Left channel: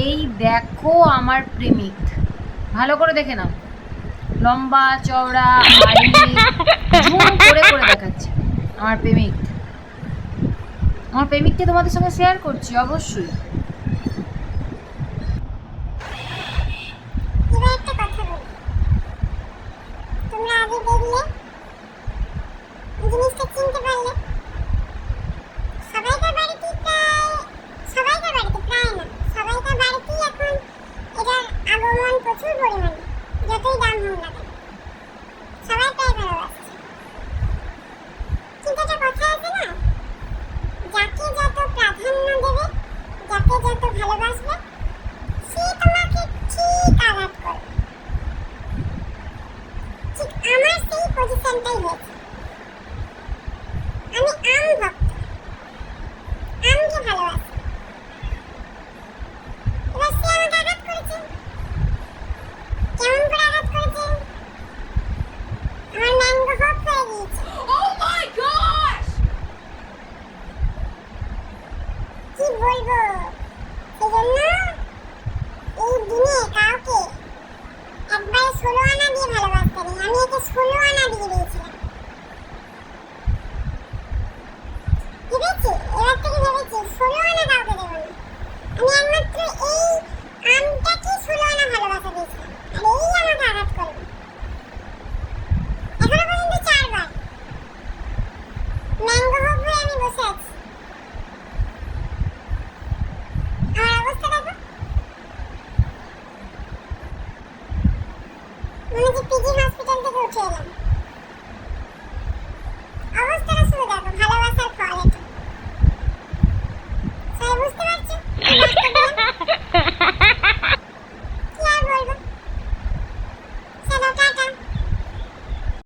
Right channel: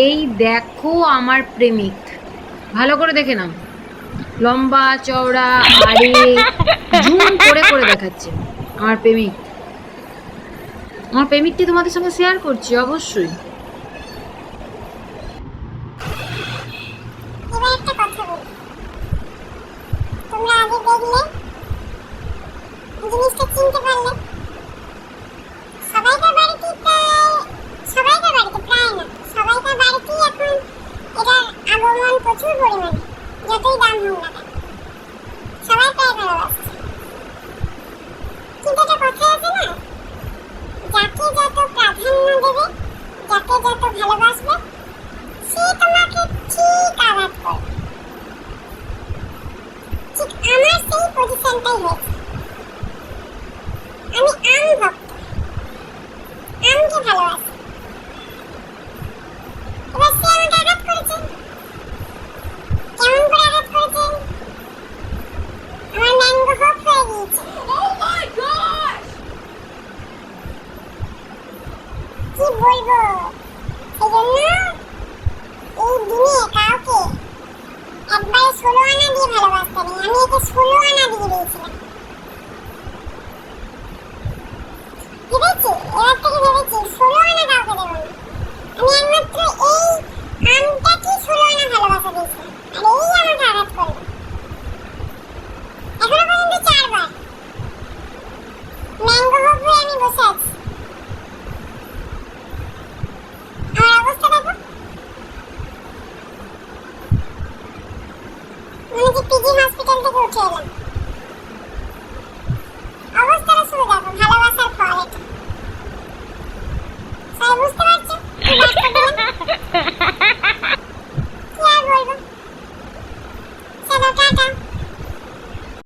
এই দেখো আমার প্রেমিক, ভালো করে দেখে নাও। লম্বা চওড়া আরে জুম করে করে দেখাচ্ছে আমার প্রেমিক। আমার প্রেমিককে তোমাদের সঙ্গে শেয়ার করছি অবশ্যই। এবার একটা কথা বলি, তোমরা আগে দেখলে জিনিসটা চিনতে পারলে। সবাইকার বাড়িতে প্রায় না, সবাইকার বাড়িতেই এখন এটার আগমন প্রচুর পরিমাণে। যতই দাম হোক না কেন সবাই প্রায় ভালোবাসছে। কিন্তু একটা কথা আছে না, যাকে যত প্রাধান্য দেবে, যাকে যত ভালোবাসবে, সে তোমাকে ঠিক আঘাত করবে। ঠিক আমার সেই পজিশনটাই হয়েছে। আমি আম ভক্ত, আমকে ভালোবাসি। এবার সে আমাকে আঘাত করেছে। কেমন করে আঘাত করেছে? আমার ম্যাঙ্গো হপ হয়ে গিয়েছে। কি বলবো, সেজন্য এই দিনে কাউকে একবারে 16 আনা দিয়ে ভালোবাসতে নেই। আমি একে 16 আনা দিয়ে দিয়েছিলাম। ভেবেছি, এবার থেকে ভেবেছি 16 আনা কাউকে দেবো না। আমি একমাত্র এই আমটাকে 16 আনা ভালোবাসা দিয়েছিলাম, আর এই আমাকে আঘাত করলো। এখনো পর্যন্ত 4 বার ম্যাঙ্গো হপ হয়ে আমি বসে আছি। আমার অবস্থা দেখো, মনে হচ্ছে পিজি হসপিটাল থেকে উঠে এলাম। অবস্থাটা শুধু দেখো, ভালোবাসার ফল এটা। সবাই বুঝতে পারছো কি বার্তা দিলাম? কি আর বলবো, চলো টাটা।